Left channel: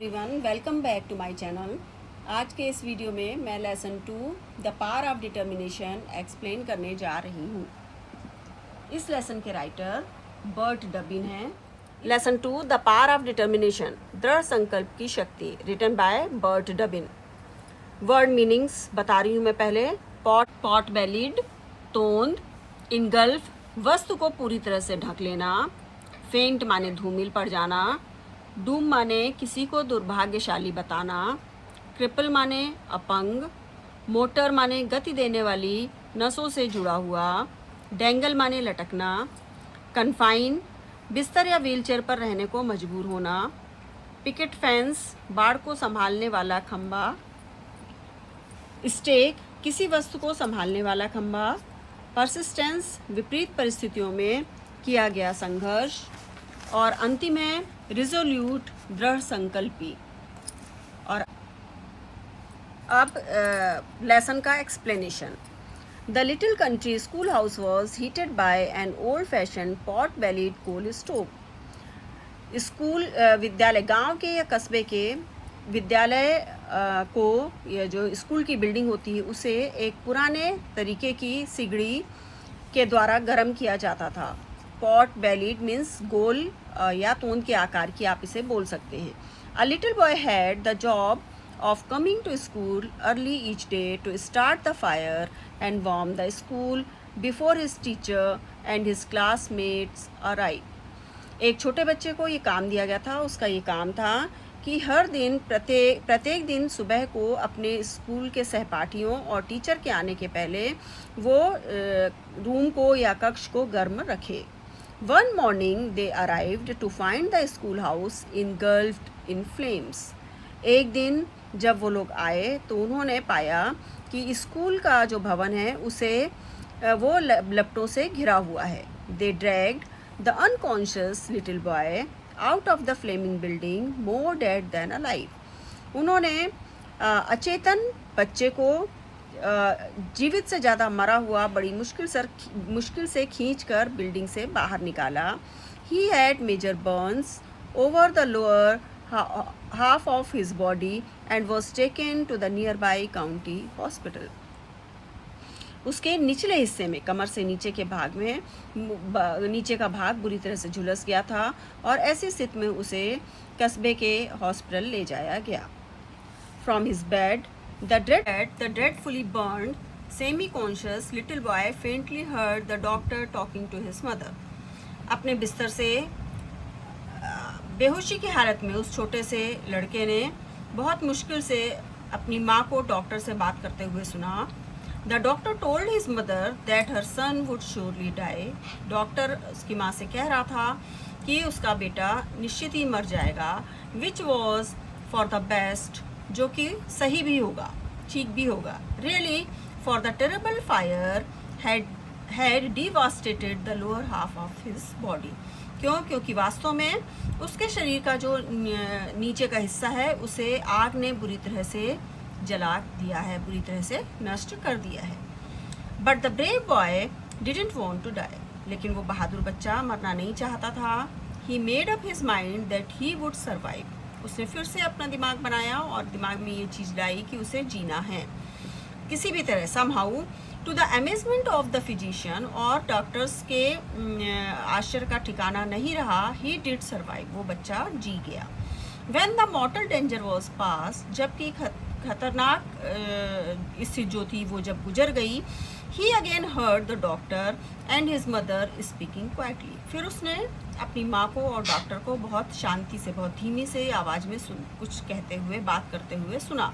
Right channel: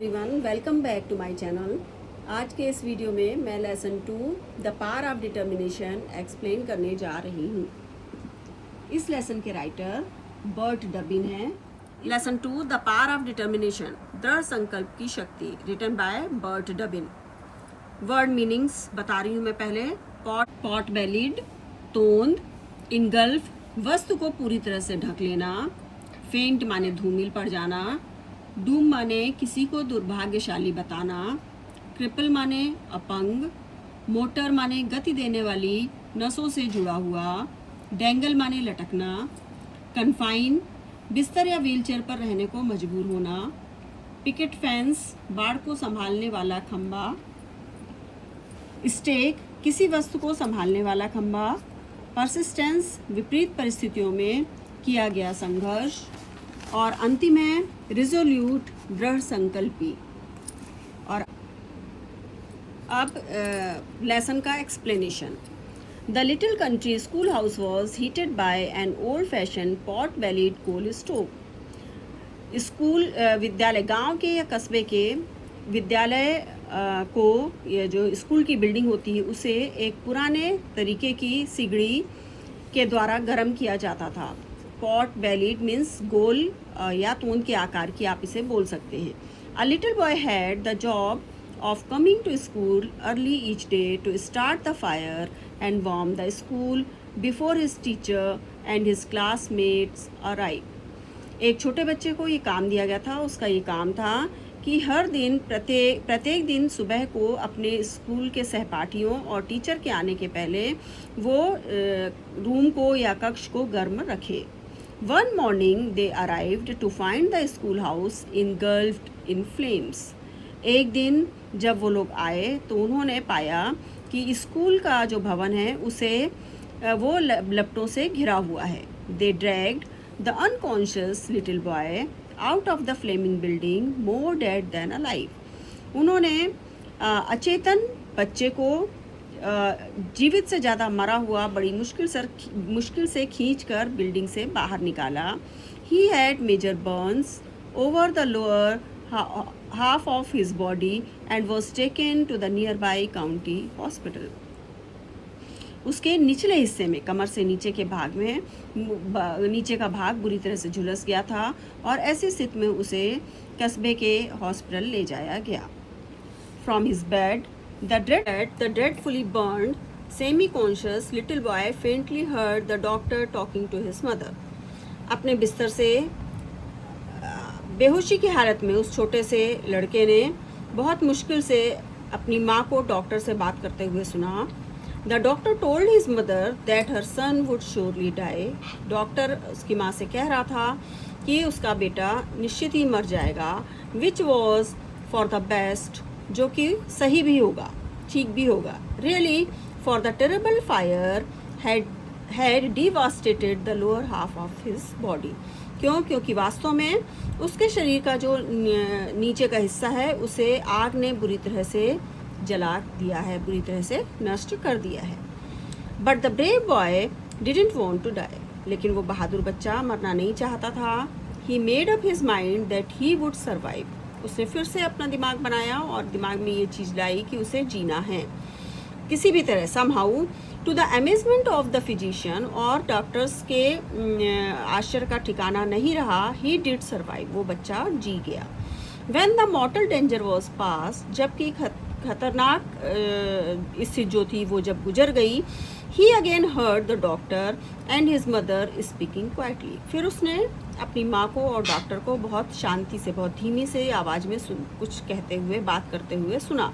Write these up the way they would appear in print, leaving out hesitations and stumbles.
Everyone welcome back to my channel. आज के इस वीडियो में मैं lesson 2 the power of determination explain करने जा रही हूँ। इस लेसन के राइटर बर्ट डबिन हैं। Lesson 2 the power of determination दृढ़ संकल्प की शक्ति, written by Burt Dubin. Word meanings बता रही हूँ मैं पहले। Pot bellied, तोंद। इनगल्फ, वस्तु को पूरी तरह से ढक लेना। फेंट माने धूमिल पड़ जाना। डूम माने किसी को दुर्भाग्यशाली बताना। क्रिपल माने अपंग। मोटर माने गति देने वाली, नसों से जुड़ा हुआ। डेंगल माने लटकना। कन्फाइन, बिस्तर या व्हीलचेयर पर रहने को मजबूर होना। पिकेट फेंस, बाड़ को संभालने वाला खंबा। स्टेक, किसी वस्तु को संभालने वाला खंबा। परसिस्टेंस, विपरीत परिस्थितियों में किया गया संघर्ष। और अंतिम है रिजोल्यूट, दृढ़ संकल्पी। और अब लेसन का explanation. The little country school house was heated by an old fashion pot bellied coal stove. School विद्यालय, गांव के या कस्बे के विद्यालय को, जो स्कूल की बिल्डिंग होती है, उसे एक पुराने तरीके की सिगड़ी के द्वारा गर्म किया जाता था। पॉट बेलिड मीन्स गोल या तोंद के आकार की, आप इसे बोल सकते हैं। A little boy had the job of coming to school early each day to start the fire and warm the school before his teacher and his classmates arrived। एक छोटे बच्चे को ये काम दिया गया था। उसका ये काम था कि हर दिन प्रत्येक दिन सुबह को अपने स्कूल के सहपाठियों और टीचर के आने के पहले वो रूम को या कक्ष को गर्म रखे। One morning they arrived to find the schoolhouse engulfed in flames। एक दिन जब वो लोग आए तो उन्होंने पाया कि स्कूल का जो भवन है उसे वो लपटों से घिरा हुआ है। They dragged the unconscious little boy out of the flaming building more dead than alive। उन्होंने अचेतन बच्चे को जीवित से ज़्यादा मरा हुआ बड़ी मुश्किल से खींचकर बिल्डिंग से बाहर निकाला। He had major burns over the lower half of his body and was taken to the nearby county hospital। उसके निचले हिस्से में, कमर से नीचे के भाग में, नीचे का भाग बुरी तरह से झुलस गया था और ऐसी स्थिति में उसे कस्बे के हॉस्पिटल ले जाया गया। From his bed, the dreadfully burned, semi-conscious little boy faintly heard the doctor talking to his mother। अपने बिस्तर से बेहोशी की हालत में उस छोटे से लड़के ने बहुत मुश्किल से अपनी माँ को डॉक्टर से बात करते हुए सुना। The doctor told his mother that her son would surely die. Doctor उसकी माँ से कह रहा था कि उसका बेटा निश्चित ही मर जाएगा। Which was for the best, जो कि सही भी होगा, ठीक भी होगा। Really for the terrible fire had devastated the lower half of his body. क्योंकि वास्तव में उसके शरीर का जो नीचे का हिस्सा है उसे आग ने बुरी तरह से जला दिया है, बुरी तरह से नष्ट कर दिया है। But the brave boy didn't want to die. लेकिन वो बहादुर बच्चा मरना नहीं चाहता था। He made up his mind that he would survive. उसने फिर से अपना दिमाग बनाया और दिमाग में ये चीज़ लाई कि उसे जीना है किसी भी तरह, somehow. To the amazement of the physician, और डॉक्टर्स के आश्चर्य का ठिकाना नहीं रहा, ही डिड सर्वाइव, वो बच्चा जी गया। When the mortal danger was past, जबकि खतरनाक स्थिति जो थी वो जब गुजर गई, he again heard the doctor and his mother speaking quietly. फिर उसने अपनी माँ को और डॉक्टर को बहुत शांति से, बहुत धीमी से आवाज़ में कुछ कहते हुए, बात करते हुए सुना।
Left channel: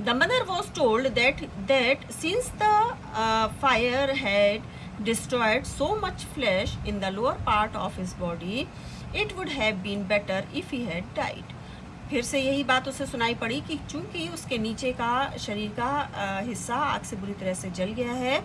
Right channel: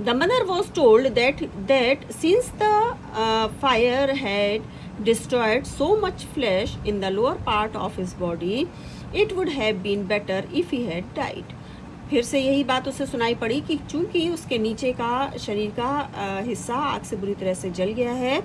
The mother was told that since the fire had destroyed so much flesh in the lower part of his body, it would have been better if he had died। फिर से यही बात उसे सुनाई पड़ी कि चूंकि उसके नीचे का शरीर का हिस्सा आग से बुरी तरह से जल गया है,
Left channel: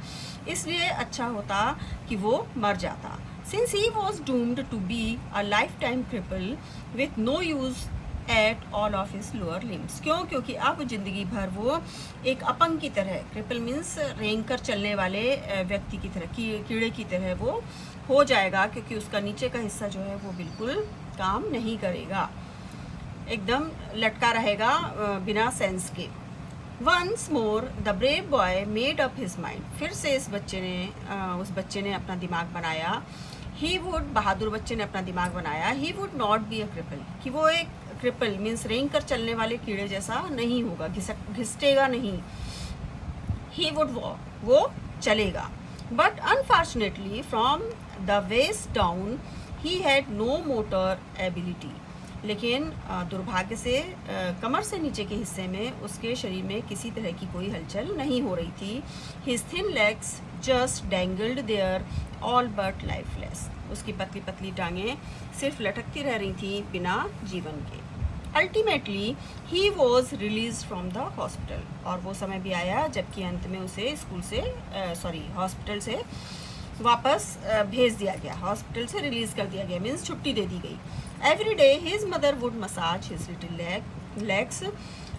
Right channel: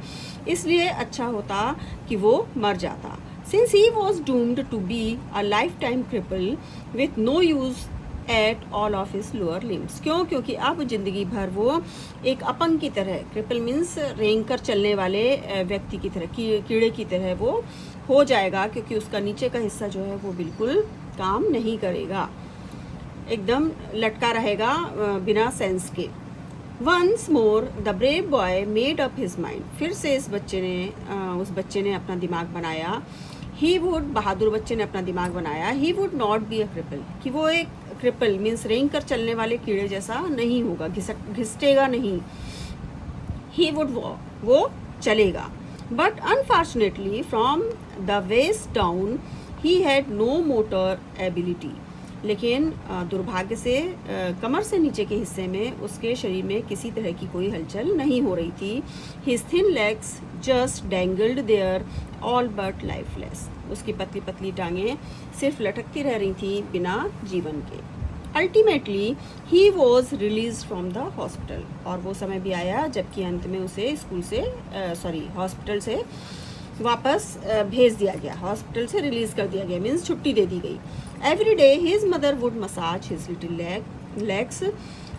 इसलिए अच्छा होता कि वो मर जाता। Since he was doomed to be a lifetime cripple with no use at all of his lower limbs. क्योंकि अब जिंदगी भर वो एक अपंग की तरह, क्रिपल मीन्स रेंग कर चलने वाले व्यक्ति की तरह, कीड़े की तरह वो हो जाएगा, क्योंकि उसका नीचे का हिस्सा जो है वो बिल्कुल काम नहीं करेगा। एकदम लटका रहेगा बिना सेंस के। Once more the brave boy made up his mind, फिर से उस बच्चे ने अपना दिमाग बनाया। ही वुड, बहादुर बच्चे ने अपना दिमाग बनाया, he would not be a cripple, कि वो एक क्रिपल मीन्स रेंग कर चलने वाले कीड़े जैसा नहीं होगा, घिसटेगा नहीं। ही वुड वॉक, वो चलेगा। But unfortunately from the waist down he had no motor ability, लेकिन दुर्भाग्य से कमर से नीचे के हिस्से में उसके शरीर में किसी तरह की कोई हलचल नहीं हो रही थी। His thin legs just dangled there all but lifeless, उसकी पतली पतली टांगें सिर्फ लटकती रह रही थी बिना जीवन के। Ultimately he was release from the hospital, और वो समय भी आया जबकि अंत में उसे हॉस्पिटल से वापस भेज दिया गया, हॉस्पिटल से रिलीज कर दिया गया, मीन्स छुट्टी दे दी गई। Every day his mother would massage his little legs,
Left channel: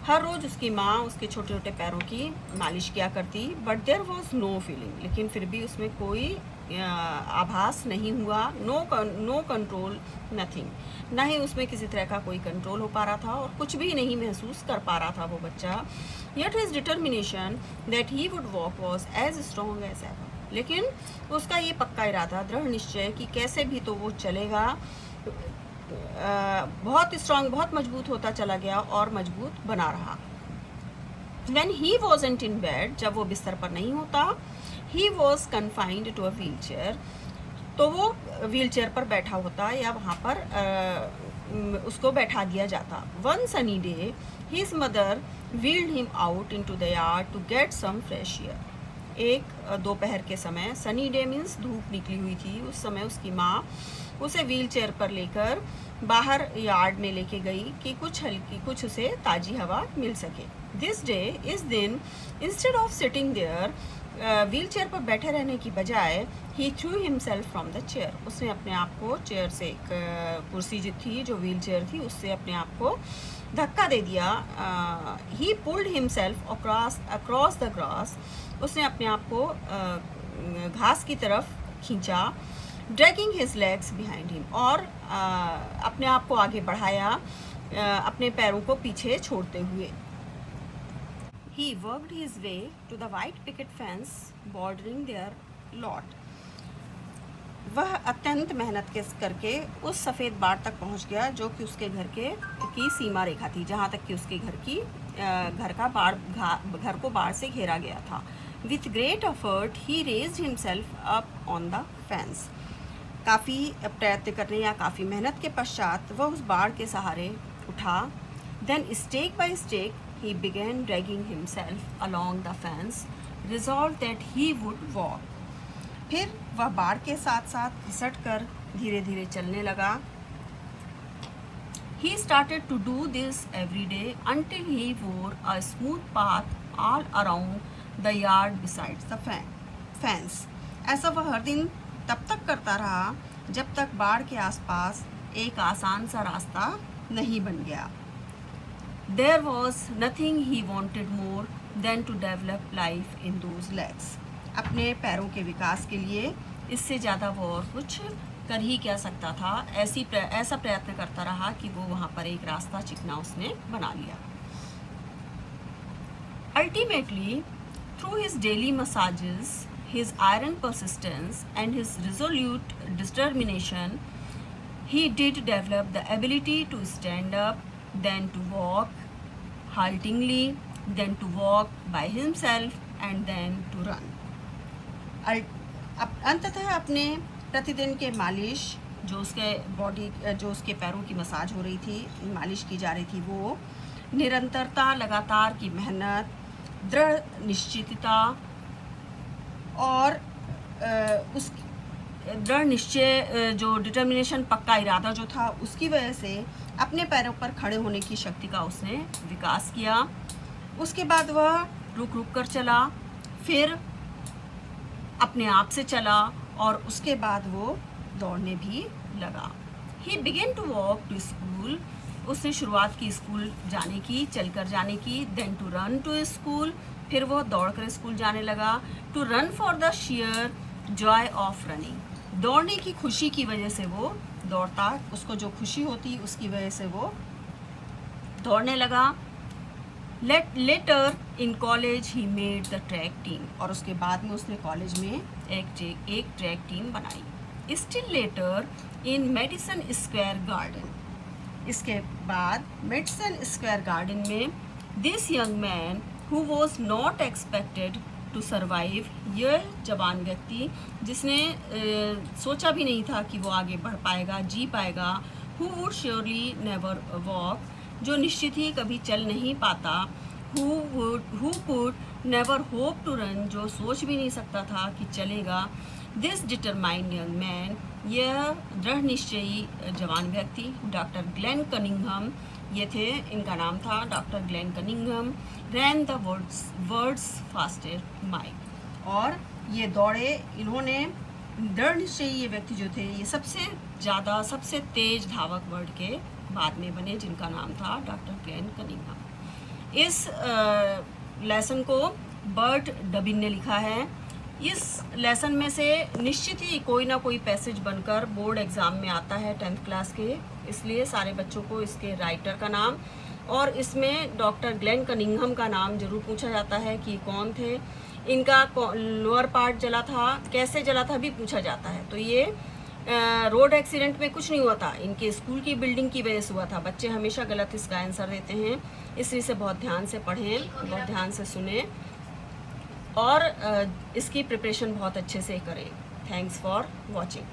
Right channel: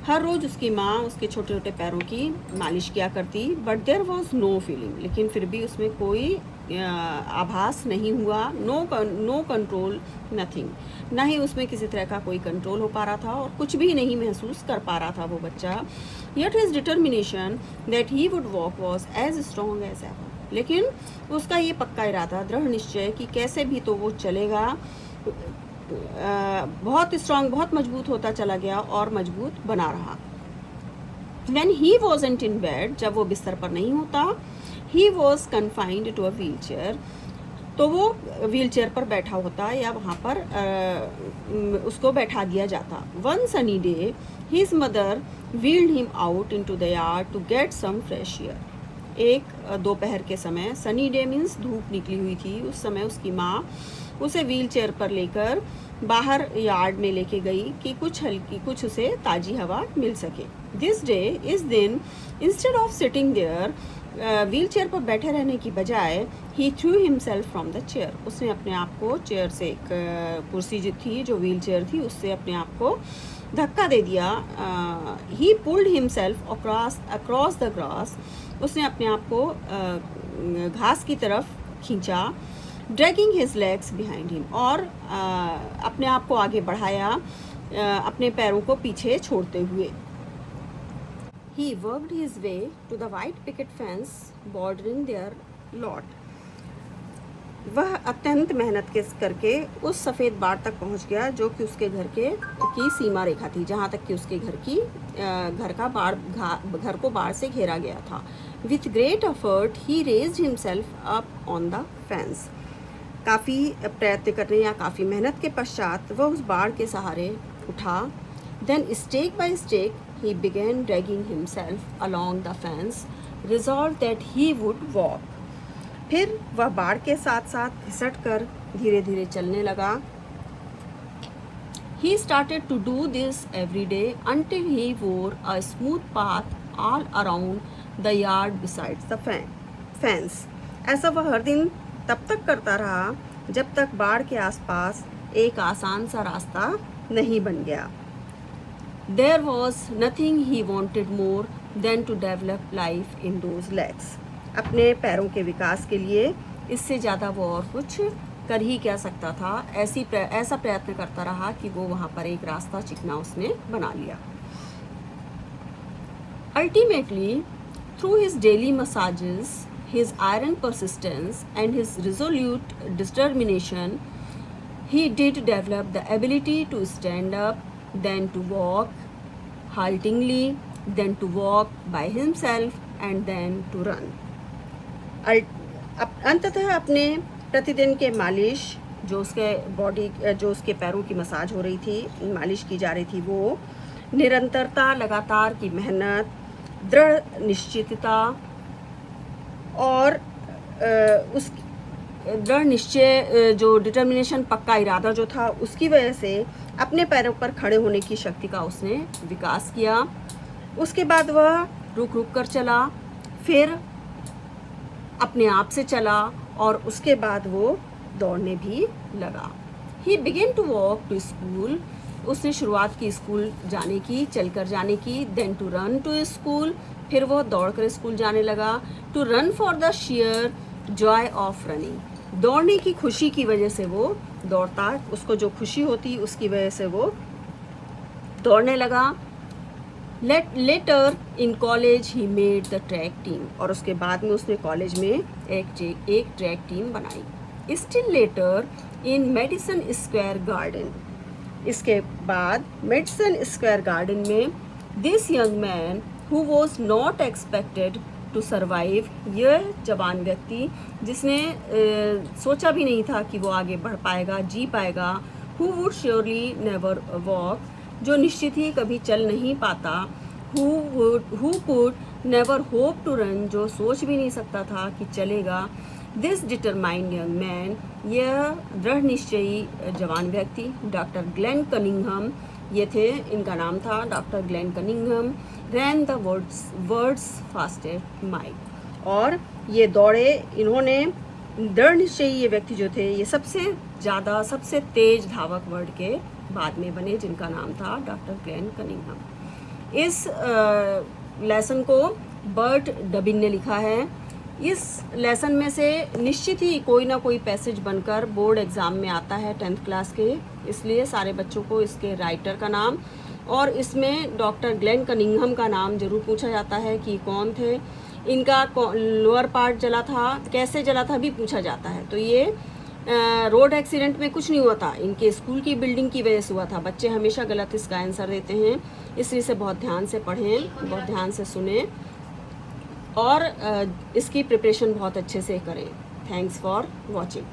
हर रोज उसकी माँ उसके छोटे छोटे पैरों की मालिश किया करती। But there was no feeling, लेकिन फिर भी उसमें कोई आभास नहीं हुआ। नो कंट्रोल, नथिंग, ना ही उसमें किसी तरह का कोई कंट्रोल हो पा रहा था और कुछ भी नहीं महसूस कर पा रहा था वो बच्चा। Yet his determination that he would walk was as strong as ever, लेकिन उसका ये पक्का इरादा, दृढ़ निश्चय कि कैसे भी तो वो चलेगा, बहुत स्ट्रांग, बहुत मजबूत होता चला गया और मजबूत बना रहा। When he wasn't in bed, जब वो बिस्तर पर नहीं होता, he was confined to a wheelchair, तो वो व्हील चेयर पर बैठा होता या वहाँ पर उसको बैठा दिया जाता। One sunny day, his mother wheeled him out into the yard to get some fresh air. एक दोपहर के समय, सनी डे मीन्स धूप निकली हुई थी, उस समय उसकी माँ उसे व्हील चेयर पर लेकर बाहर यार्ड में लेके गई कि कुछ उसे ताजी हवा मिल सके। दिस डे, इस दिन, instead of sitting there, wheelchair पर बैठे रहने की बजाय, he threw himself from the chair, उसने अपने आप को चेयर से, एक कुर्सी जो थी, जो व्हील चेयर थी, उससे अपने आप को धक्का दे दिया। ही pulled himself across the grass, उसने अपने आप को घास की तरफ खींचा। Dragging his legs behind him, और अपने आप को आगे बढ़ाया, अपने पैरों को पीछे छोड़ते हुए। He worked his way to the white picket fence bordering their lot, वह अत्यंत मेहनत करके उस सफ़ेद बाड़ तक पहुंच गया जो कि उसके घर की सीमा रेखा थी, जहां तक कि उसके घर को बाढ़ से घेरा गया था। With great effort he raised himself up on the fence, काफ़ी प्रयत्न करने या काफ़ी मेहनत के पश्चात वह उस बाड़ के सहारे उठा। Then stake by stake he began dragging himself along the fence, resolve that he would walk, फिर वह बाड़ के साथ साथ घिसट कर धीरे धीरे चलने लगा। He started to do this every day until he wore a smooth path all around the yard besides the fence. ऐसा वह हर दिन तब तक करता रहा जब तक बाड़ के आसपास एक आसान सा रास्ता नहीं बन गया। There was nothing he wanted more than to develop life in those legs. अपने पैरों के विकास के लिए इससे ज़्यादा वो और कुछ कर ही क्या सकता था। ऐसा प्रयत्न करता रहा कि वो वहाँ पर एक रास्ता चिकना उसने बना लिया। Ultimately, through his daily massages, his iron persistence and his resolute determination, he did develop the ability to stand up, then to walk haltingly, then to walk by himself, and then to run. अंततः अपने प्रतिदिन के मालिश, जो उसके पैरों की massage हो रही थी, मालिश की जा रही थी, वो निरंतरता, लगातार की मेहनत, दृढ़ निश्चितता और उस दृढ़ निश्चय, जो डिटर्मिनेशन, पक्का इरादा जो था, उसकी वजह से अपने पैरों पर खड़े होने की शक्ति का उसने विकास किया। उसके बाद वह रुक रुक कर चला, फिर अपने आप से चला और उसके बाद वो दौड़ने भी लगा। He began to walk to school, उसने शुरुआत की स्कूल जाने की, चलकर जाने की। Then to run to school, फिर वो दौड़कर स्कूल जाने लगा। To run for the sheer joy of running, दौड़ने की खुशी की वजह से वो दौड़ता, उसको जो खुशी होती उसकी वजह से वो दौड़ने लगा। Later in college he made the track team, और उसके बाद में उसने कॉलेज में एक ट्रैक टीम बनाई। Still later in Madison Square Garden, इसके बाद मेडिसन स्क्वायर गार्डन में this young man who was not expected to survive, यह जवान व्यक्ति जिसने सोचा भी नहीं था कि वो आगे बढ़ पाएगा, जी पाएगा, who would surely never walk, जो निश्चित ही कभी चल नहीं पाता, who could never hope to run, जो सोच भी नहीं सकता था कि चलेगा, दिस डिटरमाइंड यंग मैन, यह दृढ़ निश्चयी जवान व्यक्ति, डॉक्टर ग्लेन कनिंघम, ये थे, इनका नाम था doctor Glenn Cunningham, rain the words faster mile, और ये दौड़े, इन्होंने दृढ़ निश्चयी ये व्यक्ति जो थे, ये सबसे तेज धावक वर्ड के बाद में बने, जिनका नाम था डॉक्टर ग्लेन कनिंघम। इस लेसन को बर्ट डबिन ने लिखा है। इस लेसन में से निश्चित ही कोई ना कोई पैसेज बनकर बोर्ड एग्ज़ाम में आता है 10th क्लास के, इसलिए सारे बच्चों को इसके राइटर का नाम और इसमें डॉक्टर ग्लेन कनिंघम का नाम जरूर पूछा जाता है कि कौन थे, इनका लोअर पार्ट जला था, कैसे जला था भी पूछा जाता है। तो ये रोड एक्सीडेंट में कुछ नहीं हुआ था, इनके स्कूल की बिल्डिंग की वजह से हुआ था। बच्चे हमेशा गलत इसका आंसर देते हैं, इसलिए इसे बहुत ध्यान से पढ़ें, बहुत ध्यान से सुने और इसकी प्रिपरेशन बहुत अच्छे से करें। Thanks for watching.